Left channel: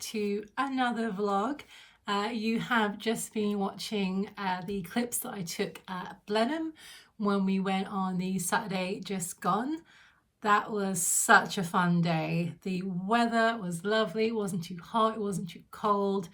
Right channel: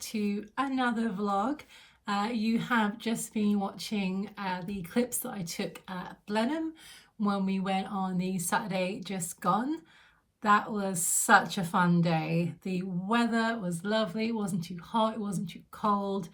to another vlog. You have just been watching the clips that I took at Blenheim when we went on the Saturday just gone. That was such a fun day. The weather was lovely. It wasn't too hot, it wasn't too cold.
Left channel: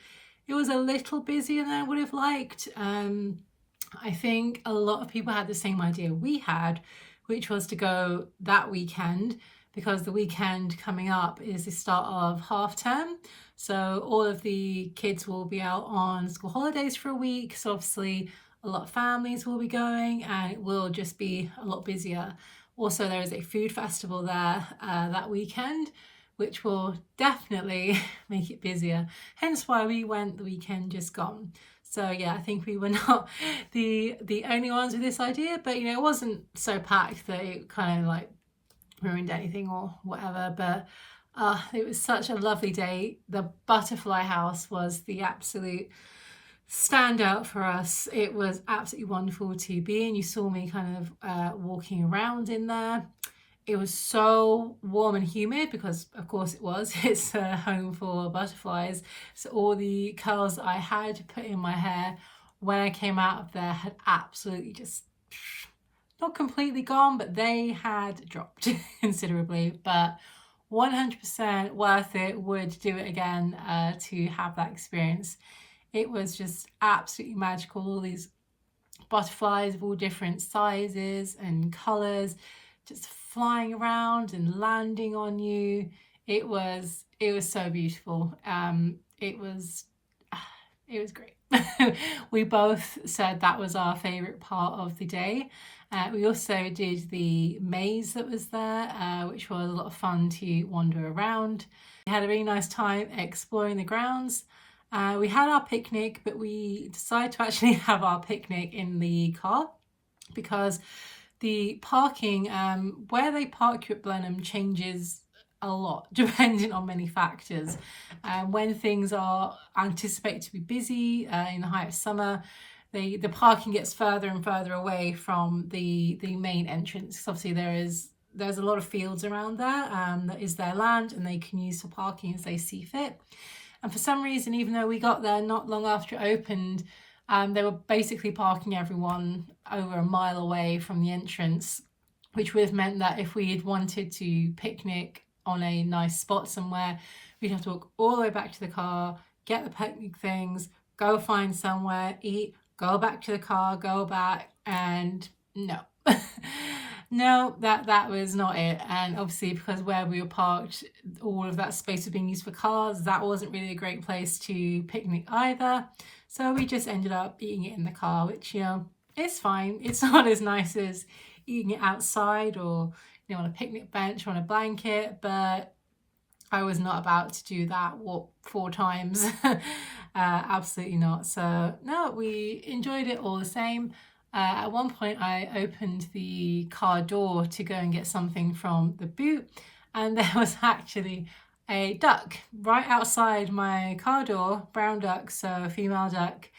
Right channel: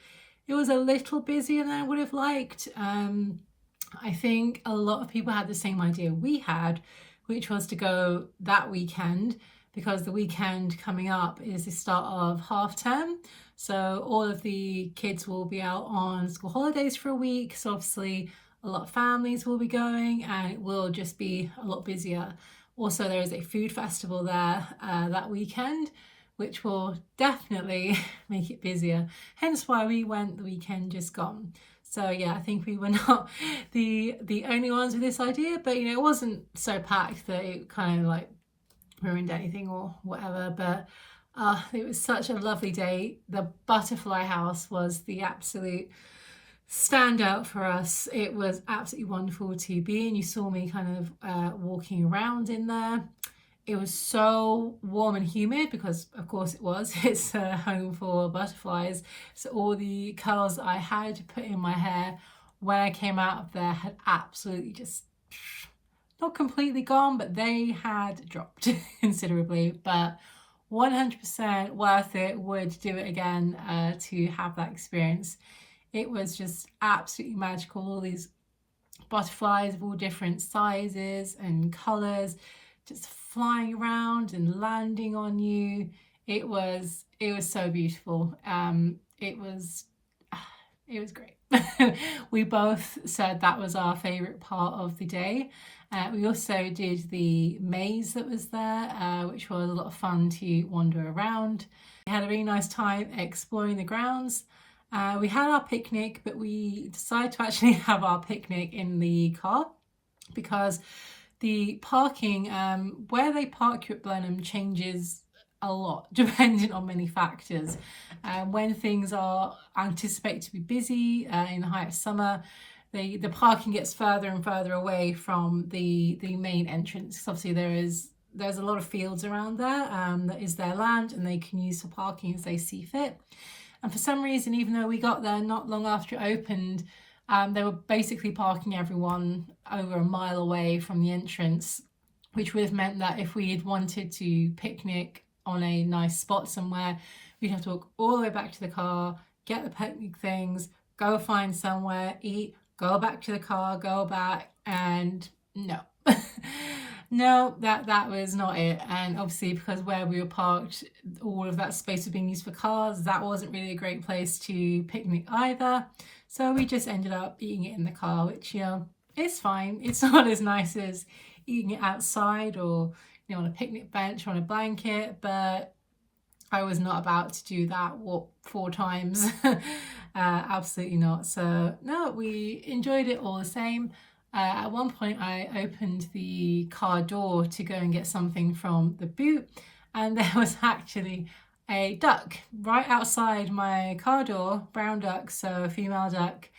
It was a little busier than I would have liked. I think a lot of people had the same idea we had, which was to go that weekend, because the weekend coming up is the start of half term. So all of the kids will be out on school holidays for a week. So obviously a lot of families will be going and it will just be a lot busier. Also, there is a food festival there that weekend, which will definitely make it busier. Hence why we went the weekend just gone. So yeah, I think we were not the only ones with this idea, but you know, it wasn't so packed that it kind of like ruined anything or whatever. But it was such a lovely day. The butterfly house was the absolute standout for us. It was absolutely wonderful to be in. You saw me kind of walking around in there. It was so warm and humid because of course it was. It's a home for butterflies. So all the curls I had put in my hair when I came out of there had absolutely just not completely gone, but they had dropped considerably. But 100% worth it. Would do it again to have that experience. It was just absolutely magical. All these butterflies of all different sizes and colours just flying around and landing on you. It was so beautiful. It was great. We both said that was our favourite part of the day. We also did the maze that was there, which was a lot of fun to wander around. We had a really nice time exploring the grounds. We had our picnic, but we decided to actually have our picnic in the car because the parking, where they park you at Blenheim changes a lot depending on many factors. When things are anticipated to be busy in the height of summer, the parking gets further and further away from the main entrance. Obviously there's a lot of fields around there that is their land and they can use for parking as they see fit. And for some reason, even though we got there not long after it opened, they were basically parking everyone over a mile away from the entrance, which would have meant that if we had wanted to picnic on a nice spot somewhere, we'd have to walk all the way back to the car, get the picnic things, go find somewhere, eat, go back to the car, go back, and no. No, that was not it. And obviously because where we were parked, all of that space was being used for cars, that wasn't really a great place to picnic either. So we just ended up eating it in the car, which, you know, is fine. It's not as nice as eating it outside or, you know, on a picnic bench or on a blanket, but I was not about to do that walk 4 times. Absolutely not. So no, we enjoyed it all the same. At one point I opened the car door to go and get something from the boot, and there was actually a duck right outside my car door, brown duck, so a female duck,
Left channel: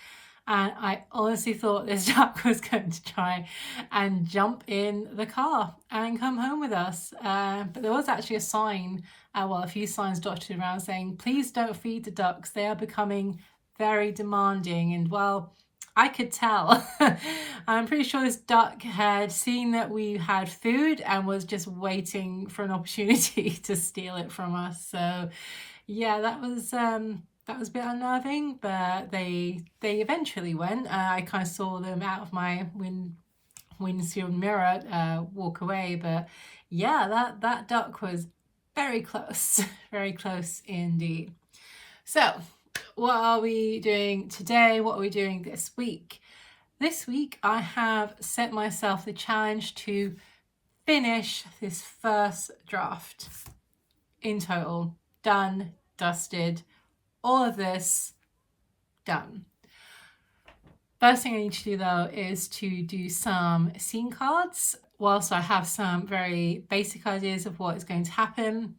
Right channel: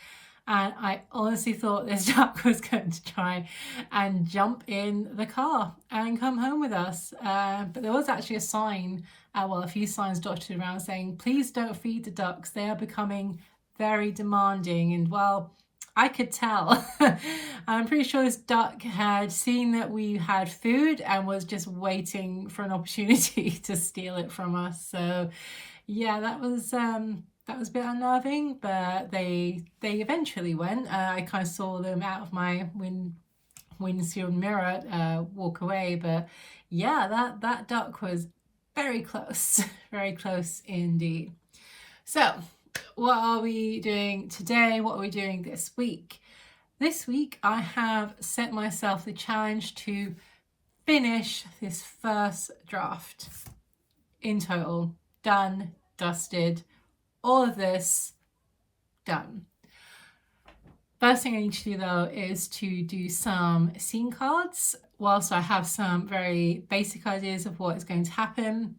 and I honestly thought this duck was going to try and jump in the car and come home with us, but there was actually a sign, well, a few signs dotted around saying, please don't feed the ducks, they are becoming very demanding. And well, I could tell. I'm pretty sure this duck had seen that we had food and was just waiting for an opportunity to steal it from us. So yeah, that was a bit unnerving, but they eventually went. I kind of saw them out of my windshield mirror walk away, but yeah, that duck was very close, very close indeed. So what are we doing today? What are we doing this week? This week I have set myself the challenge to finish this first draft in total. Done, dusted, all of this done. First thing I need to do though is to do some scene cards. Whilst I have some very basic ideas of what is going to happen,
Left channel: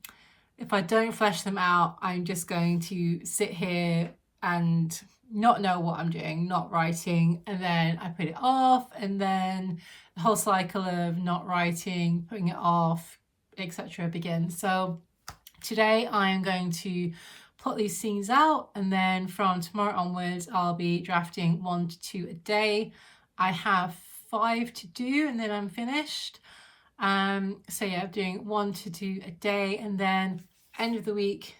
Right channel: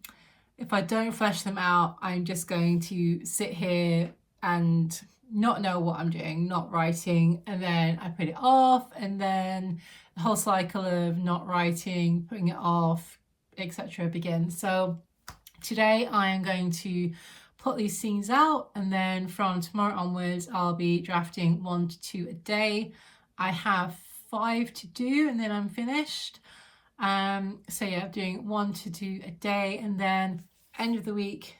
if I don't flesh them out, I'm just going to sit here and not know what I'm doing, not writing, and then I put it off, and then the whole cycle of not writing, putting it off, etc. begins. So today I am going to put these scenes out, and then from tomorrow onwards I'll be drafting 1 to 2 a day. I have 5 to do and then I'm finished. So yeah, I'm doing 1 to 2 a day, and then end of the week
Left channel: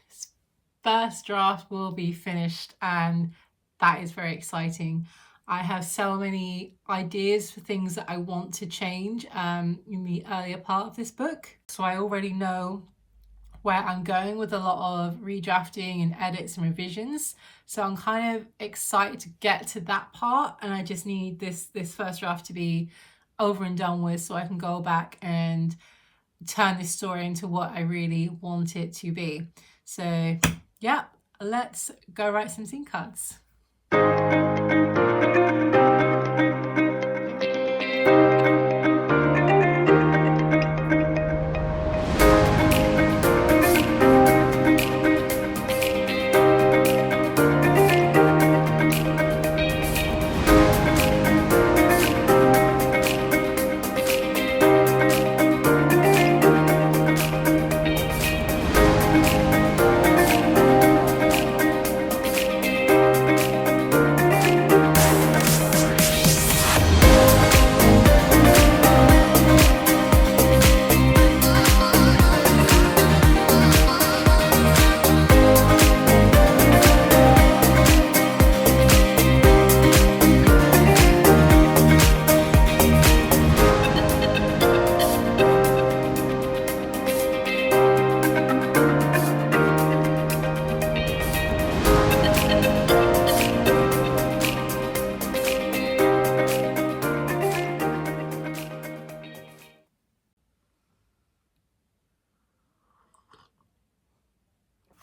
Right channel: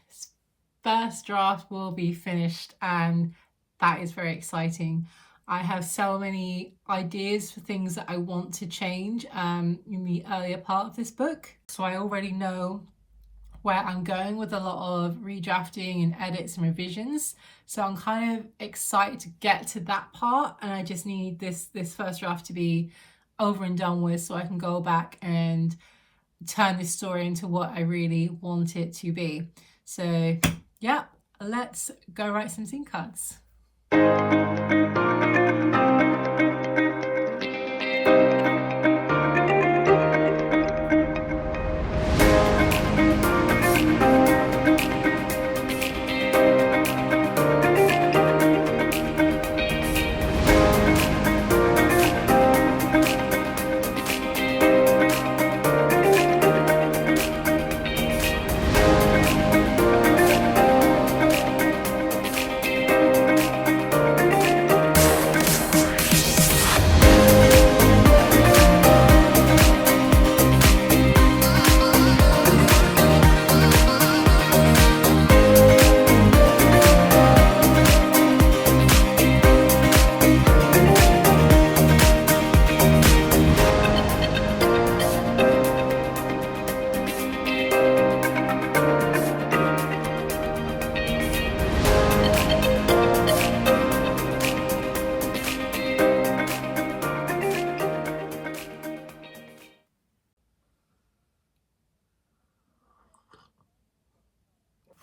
first draft will be finished, and that is very exciting. I have so many ideas for things that I want to change in the earlier part of this book, so I already know where I'm going with a lot of redrafting and edits and revisions. So I'm kind of excited to get to that part, and I just need this first draft to be over and done with so I can go back and turn this story into what I really want it to be. So yeah, let's go write some scene cards.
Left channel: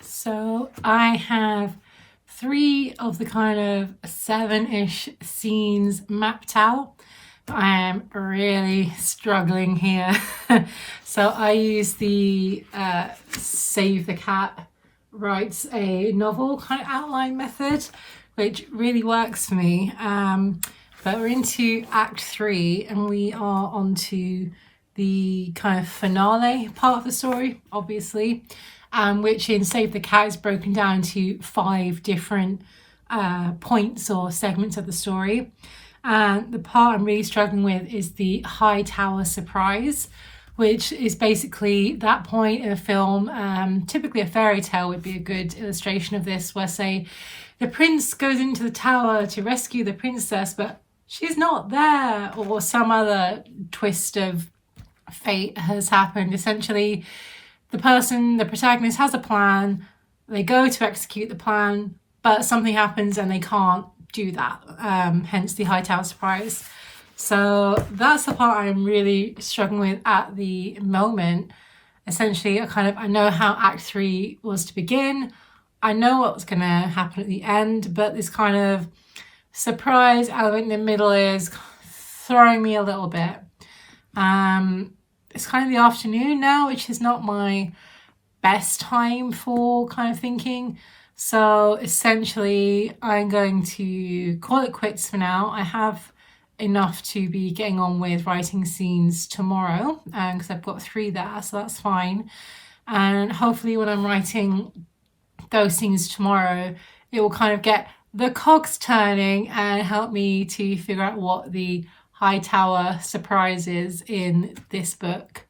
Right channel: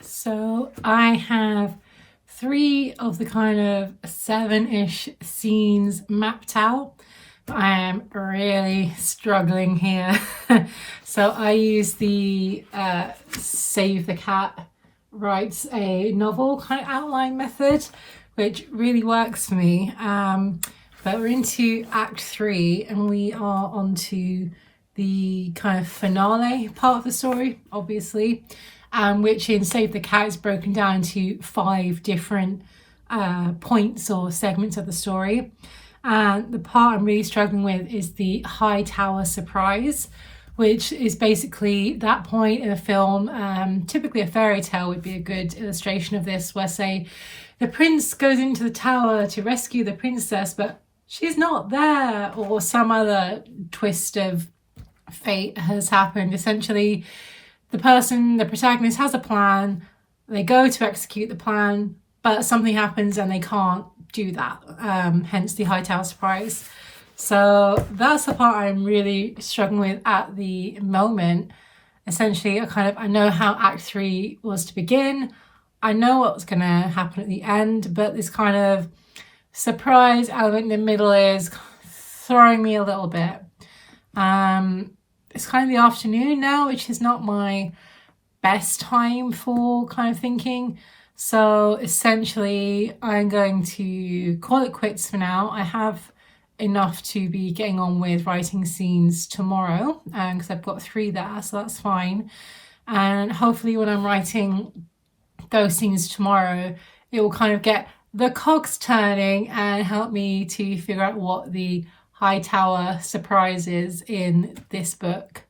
So I have 3 of the kind of 7-ish scenes mapped out. I am really struggling here. So I use the Save the Cat writes a novel kind of outline method, which really works for me. But we're into Act 3 and we are onto the kind of finale part of the story, obviously. Which in Save the Cat is broken down into 5 different points or segments of the story. And the part I'm really struggling with is the High Tower surprise, which is basically that point in a film. Typically a fairy tale would be a good illustration of this, where say the prince goes into the tower to rescue the princess, but she's not there, or some other twist of fate has happened. Essentially, the protagonist has a plan, they go to execute the plan, but something happens and they can't do that, hence the High Tower surprise. So that's the part I'm really struggling with at the moment. Essentially, I know how Act 3 was to begin, I know what's going to happen at the end, but this kind of surprise element in the middle is throwing me a little bit. It's kind of the afternoon now, which is not my best time for kind of thinking. So essentially, I'm going to call it quits for now. I have enough to be getting on with writing scenes tomorrow, because I've got 3 there, so that's fine. And hopefully when I'm writing those scenes tomorrow, it will kind of get the cogs turning and help me to figure out what the High Tower surprise is in this book.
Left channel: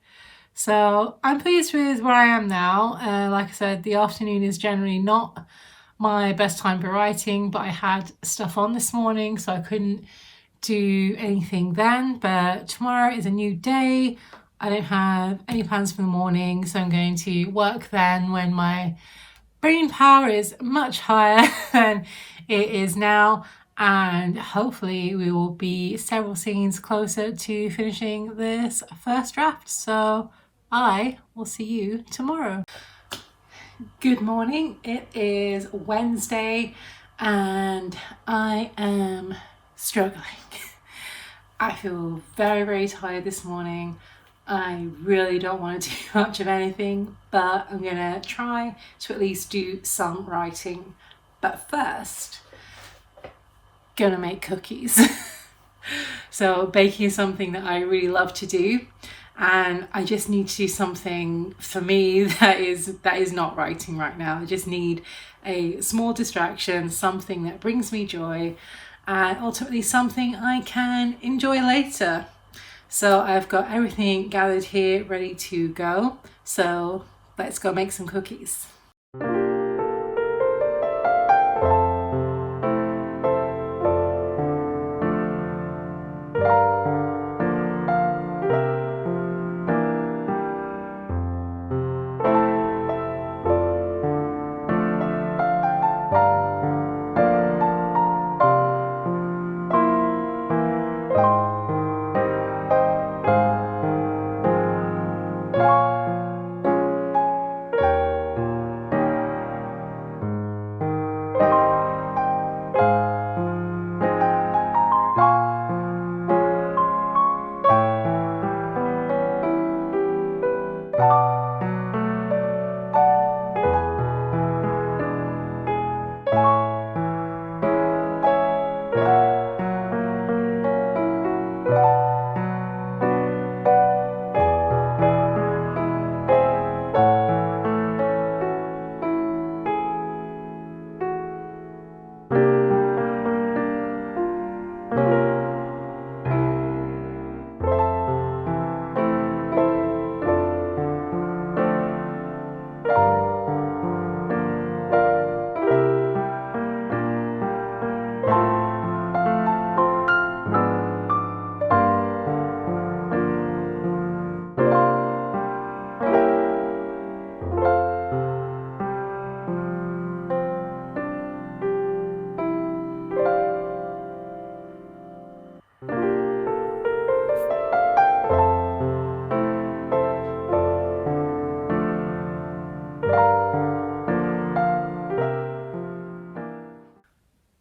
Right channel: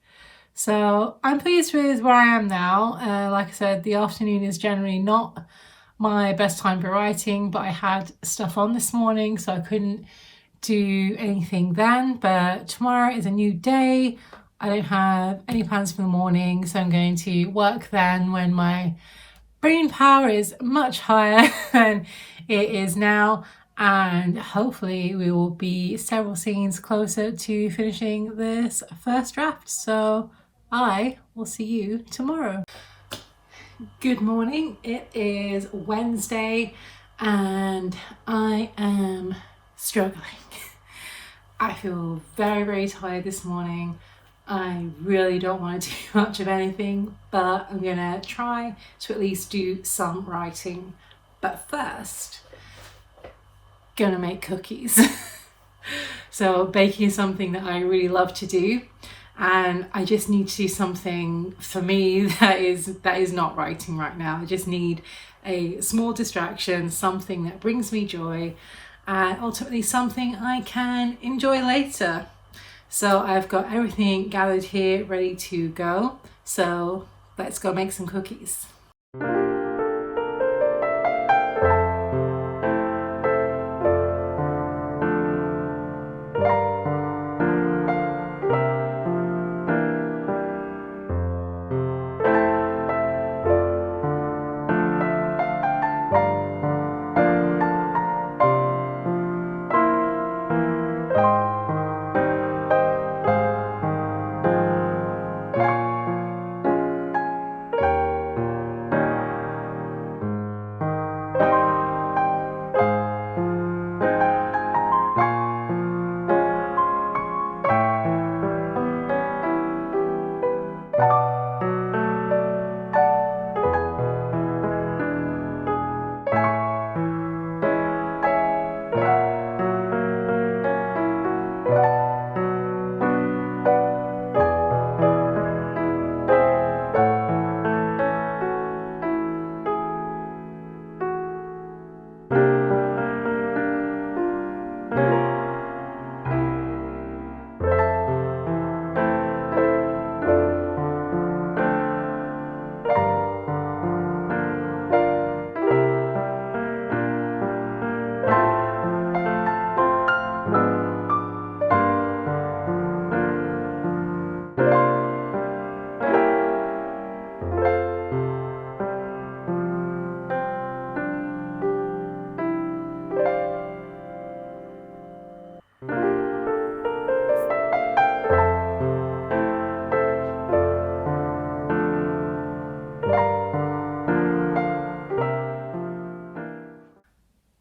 So I'm pleased with where I am now. Like I said, the afternoon is generally not my best time for writing, but I had stuff on this morning, so I couldn't do anything then. But tomorrow is a new day. I don't have any plans for the morning, so I'm going to work then when my brain power is much higher than it is now. And hopefully we will be several scenes closer to finishing this first draft. So I will see you tomorrow. Good morning. It is Wednesday and I am struggling. I feel very, very tired this morning. I really don't want to do much of anything, but I'm gonna try to at least do some writing. But first, gonna make cookies. So baking is something that I really love to do, and I just need to do something for me that is not writing right now. I just need a small distraction, something that brings me joy, and ultimately something I can enjoy later. So I've got everything gathered here ready to go. So let's go make some cookies.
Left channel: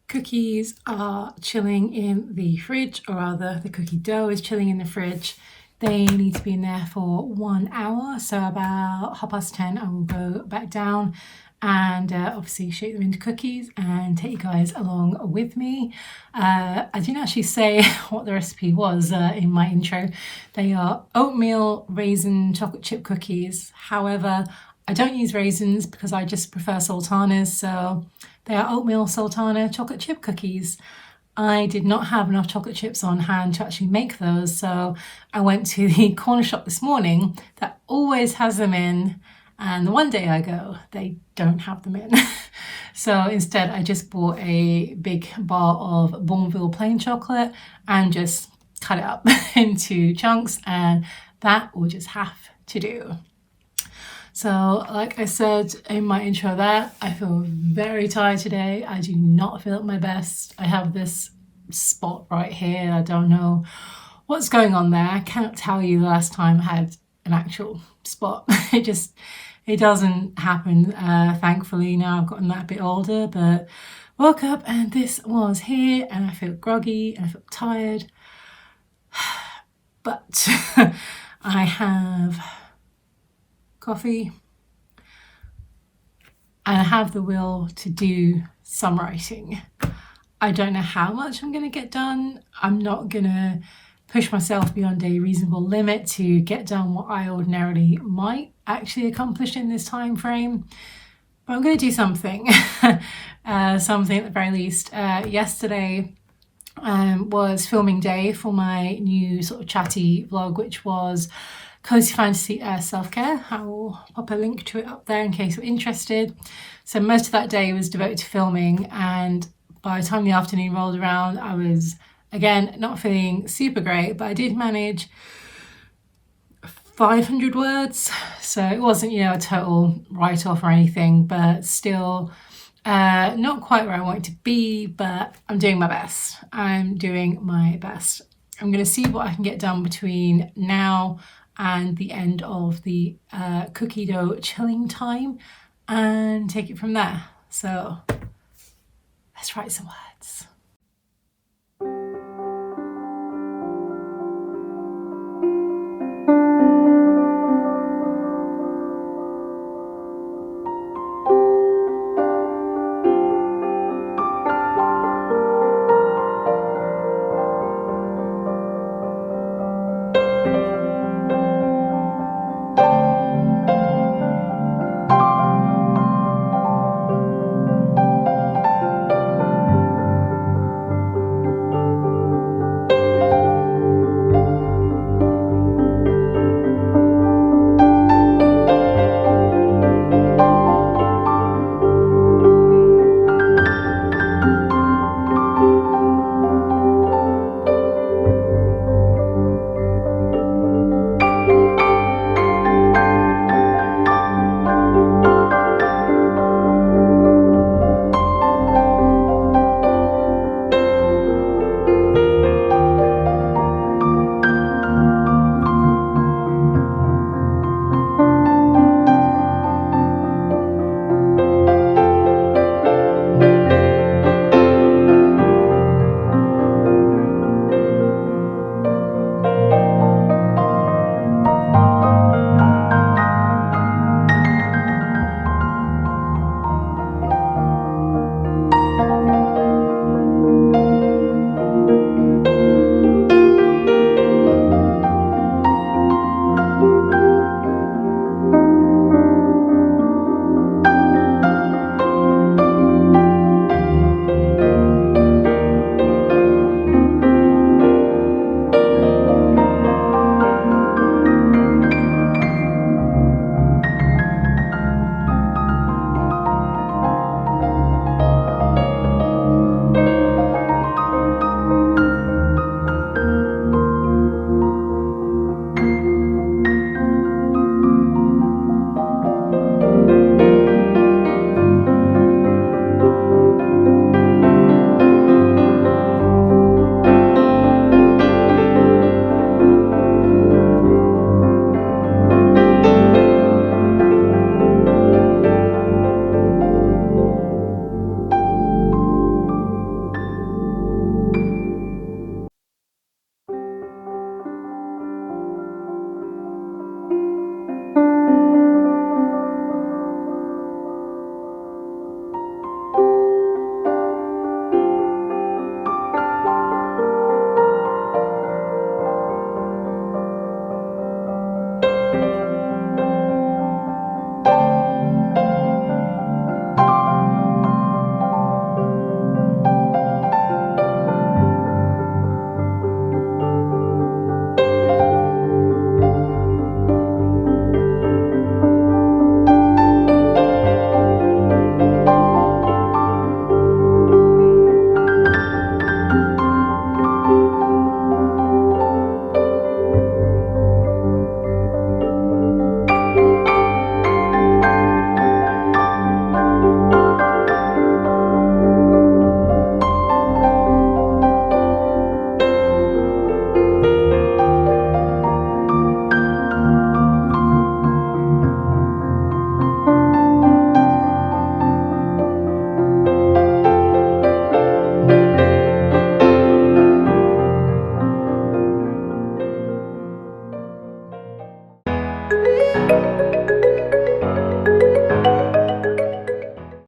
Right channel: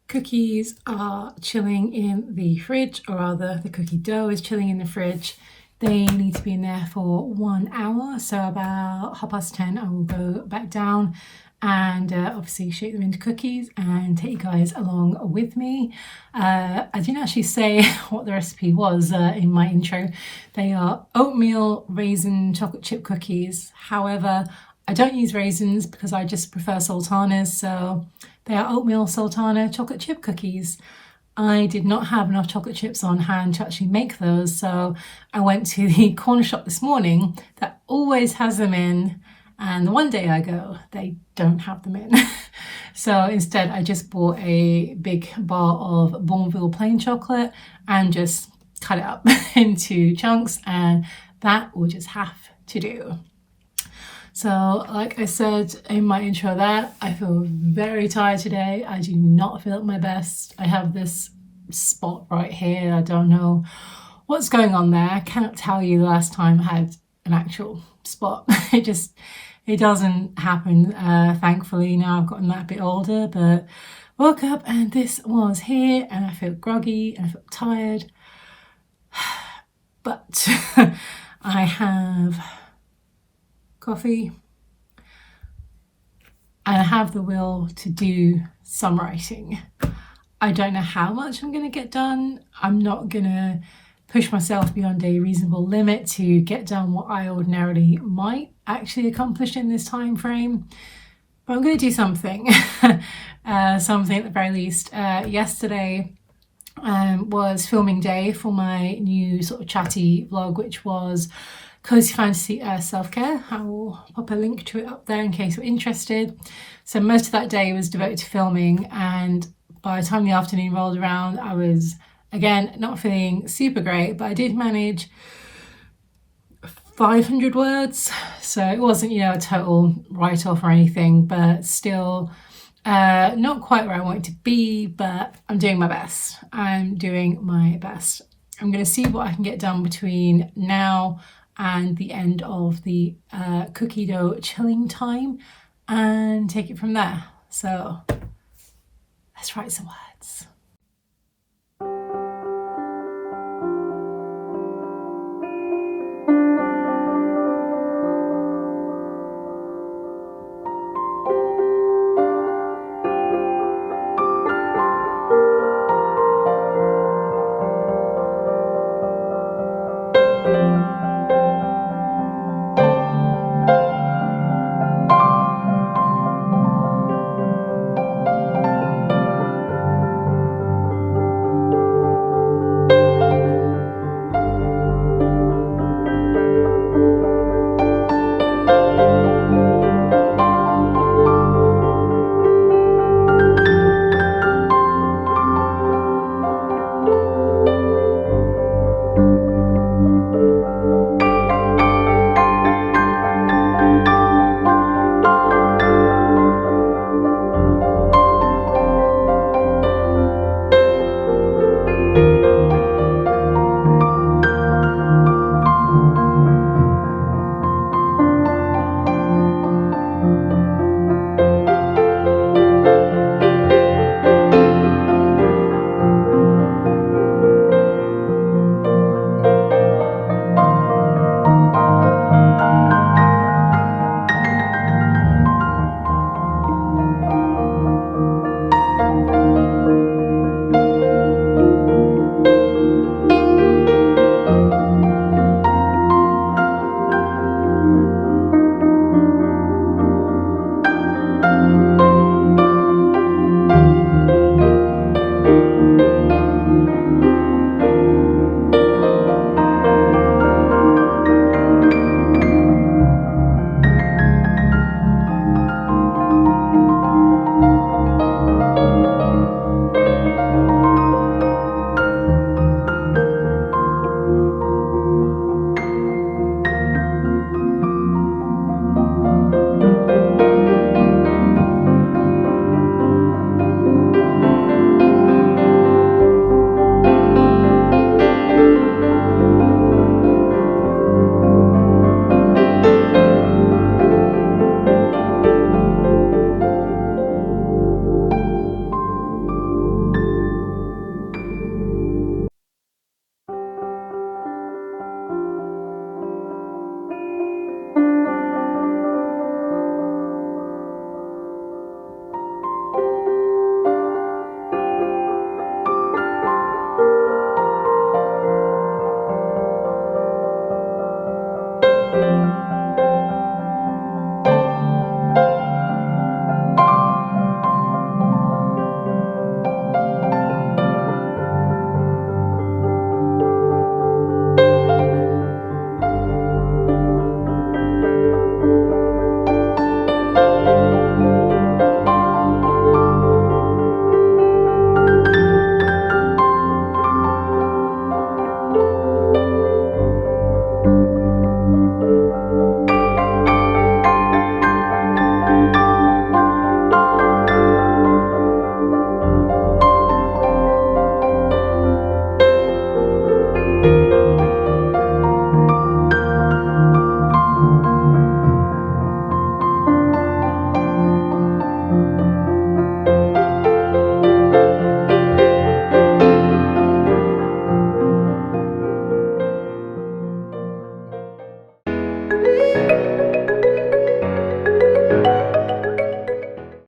Cookies are chilling in the fridge, or rather the cookie dough is chilling in the fridge. They need to be in there for 1 hour, so about 10:30 I will go back down and obviously shape them into cookies and take you guys along with me. I didn't actually say what the recipe was in my intro. They are oatmeal raisin chocolate chip cookies. However, I don't use raisins because I just prefer sultanas, so they are oatmeal sultana chocolate chip cookies. I did not have enough chocolate chips on hand to actually make those, so I went to the corner shop this morning that always has them in, and the one day I go, they don't have them in. So instead I just bought a big bar of Bournville plain chocolate and just cut it up into chunks, and that will just have to do. So like I said in my intro there, I feel very tired today. I do not feel at my best. I have this spot right here. I don't know what's going on there. I cannot tell you the last time I had an actual spot. It doesn't happen, thankfully. Now I've gotten that a bit older, but woke up and this was here, and I feel groggy and I feel tired. But I have coffee and I have the will to do some writing. I don't know how much I'm going to get done. I'm not going to push myself beyond a reasonable limit to get done what I ordinarily might actually accomplish in this time frame, but I'm going to do something. Something at the very least. Yesterday was filming day for my new sort of chatty vlog, which was Cozy Fantasy Self-Care. I will pop a link to it up there in case you're interested. So most of that day was devoted to filming, and by the time the afternoon rolled around, I was again not feeling super great, but I did manage 500 words. So it wasn't, you know, a total write-off or anything, but still not quite where I want to be, but I'm doing my best. I'm doing my best. I'm going to see what I can get done between now and the end of the cookie dough chilling time and take it from there. So let's write some words.